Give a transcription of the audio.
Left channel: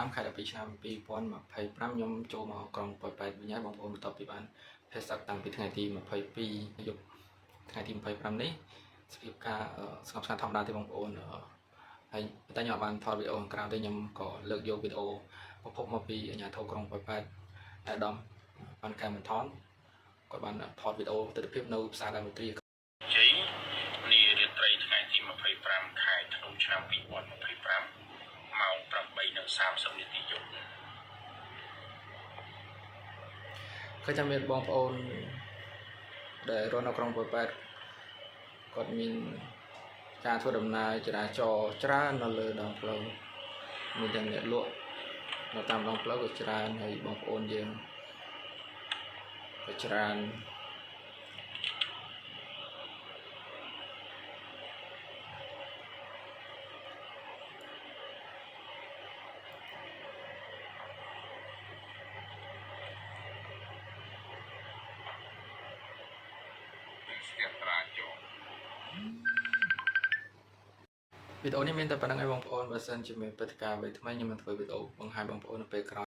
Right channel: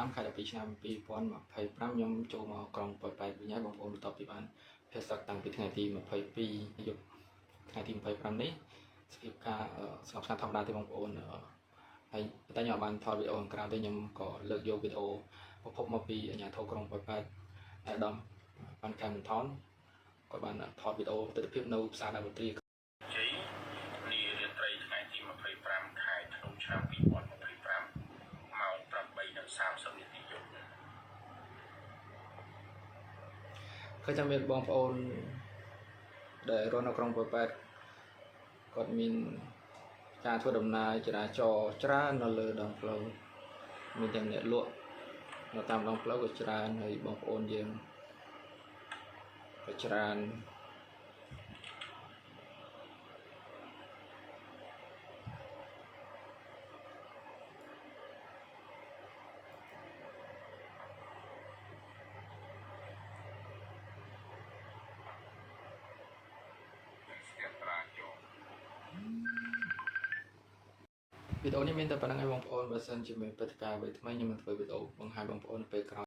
5 ខែ 12 ឆ្នាំ 2025 ខ្ញុំចូលមកក្រុងប៉ោយប៉ែតវិញហើយបងប្អូនបន្ទាប់ពីបានភេសតាំងពីថ្ងៃទី22យប់ថ្ងៃទី25នេះស្ពីបការស្ងប់ស្ងាត់ធម្មតាទេបងប្អូនហើយតែខ្ញុំបានថតវីដេអូខាងក្រៅទេខ្ញុំក៏លើកយកវីដេអូប្រភពមកពីអាជ្ញាធរក្រុងប៉ោយប៉ែតអាដាមបានកែមថនគាត់បានថតវីដេអូទស្សនវិជ្ជានៅផ្សារដើមទ្រីជ័យនារាត្រីថ្ងៃទី25ខែធ្នូឆ្នាំ2025ម៉ោង 8:30 នាទីយប់ឃើញថាមានបងប្អូនដែលរស់នៅក្រុងប៉ោយប៉ែតគាត់មានការធ្វើដំណើរចរាចរណ៍ច្រើននៅលើដងផ្លូវមានទាំងអ្នកលក់នៅតាមដងផ្លូវក៏ច្រើនហើយបងប្អូនយើងក៏ច្រើនវីដេអូនេះមានតែប៉ុណ្្នឹងឯងបងប្អូនបើសិនជាមានព្រឹត្តិការណ៍អ្វីថ្មីខ្ញុំនឹងធ្វើវីដេអូបង្ហាញបងប្អូននៅពេលក្រោយ